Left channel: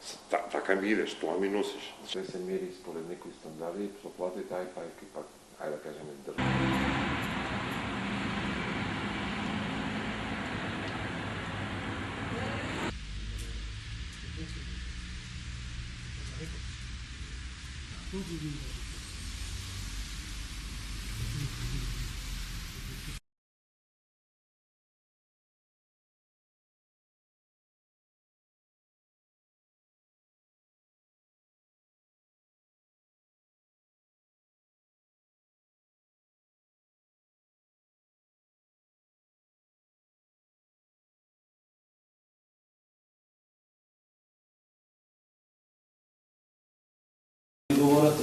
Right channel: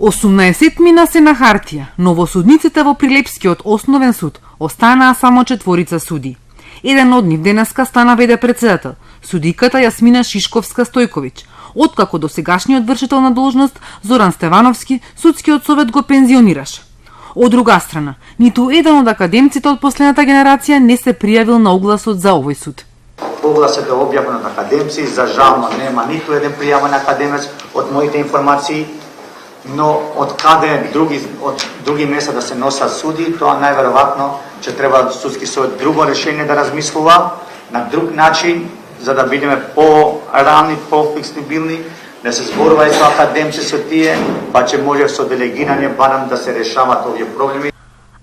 18 мина се на хартија, но во судниците во Прилепскиот основен суд останаа само 4 суди. Еден од нив денеска стана веде председател, судиката Јасмина Шишковска-Стојковиќ, откако до сегашниот вршител на должност Зоран Стевановски судскиот совет го пензионираше. Од друга страна, ниту еден од академците од последната генерација не се пријавил на огласот за овој суд. Огласот е објавен од академци, за жално нема ниту еден пријавен академец од моите информации, но од други места да се носат суди, тоа најверојатно ќе треба судски совет друго решение да размислува на друг начин, за да бидеме по-рани, по-флексибилни, да се зборува и со академци со тие, па ќе може со делегирање барам да се решават овие проблеми.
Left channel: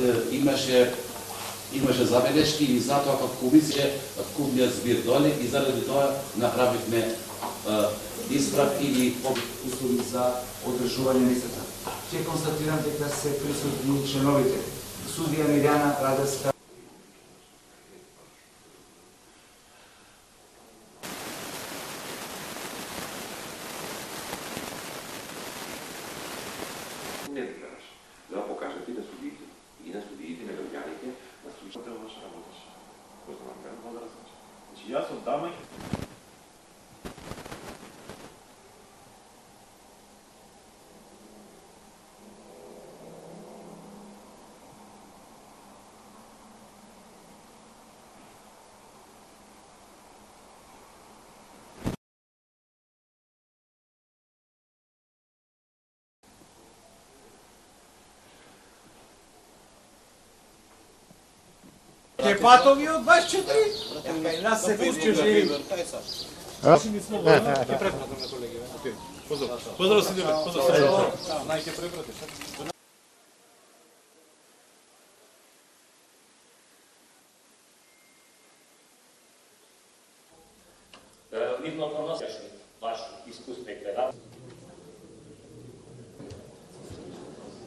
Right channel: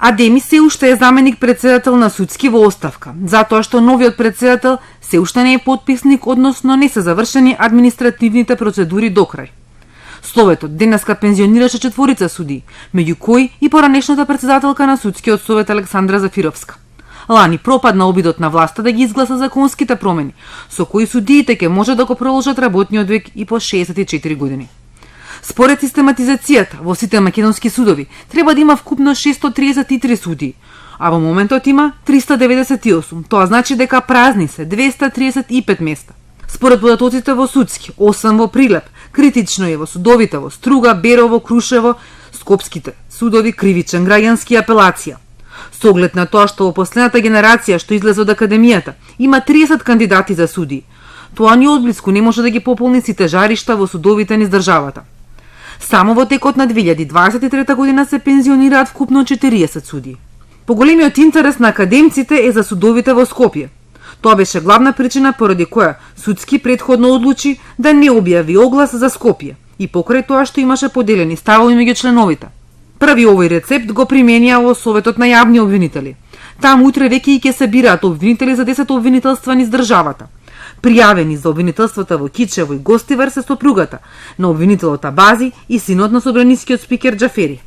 Адеми се уште е заменик председател на судски во оставка, затоа што новиот председател се уште не е потписник, односно не се завршени административните процедури до крај. Советот денеска пензионираше 4 суди, меѓу кои и поранешната председателка на судскиот совет Александра Зафировска. Лани пропадна обидот на власта да ги изгласа законските промени, со кои судиите ќе може да го продолжат работниот век и по 64 години. Според систематизацијата во сите македонски судови треба да има вкупно 633 суди, а во моментот има 398. Тоа значи дека празни се 235 места. Според податоците во судски, 8 во Прилеп, критично е во судовите во Струга, Берово, Крушево, Скопските судови, Кривичен, Граѓански и апелација. Со оглед на тоа што во последната генерација што излезе од академијата има 30 кандидати за суди, тоа ни одблиску не може да ги пополни сите жаришта во судовите низ државата. Само во текот на 2023 година се пензионираат вкупно 40 суди. Поголемиот интерес на академците е за судовите во Скопје. Тоа беше главна причина поради која судски претходно одлучи да не објави оглас за Скопје и покрај тоа што имаше поделени ставови меѓу членовите. Први овој рецепт го применија во Советот на јавни обвинители. Таму утре веќе и ќе се бираат обвинители за 10 обвинителства низ државата. Пријавени за обвинителствата во Кичево и Гостивар се сопругата на обвинителот Абази и синот на собранискиот спикер Џафери.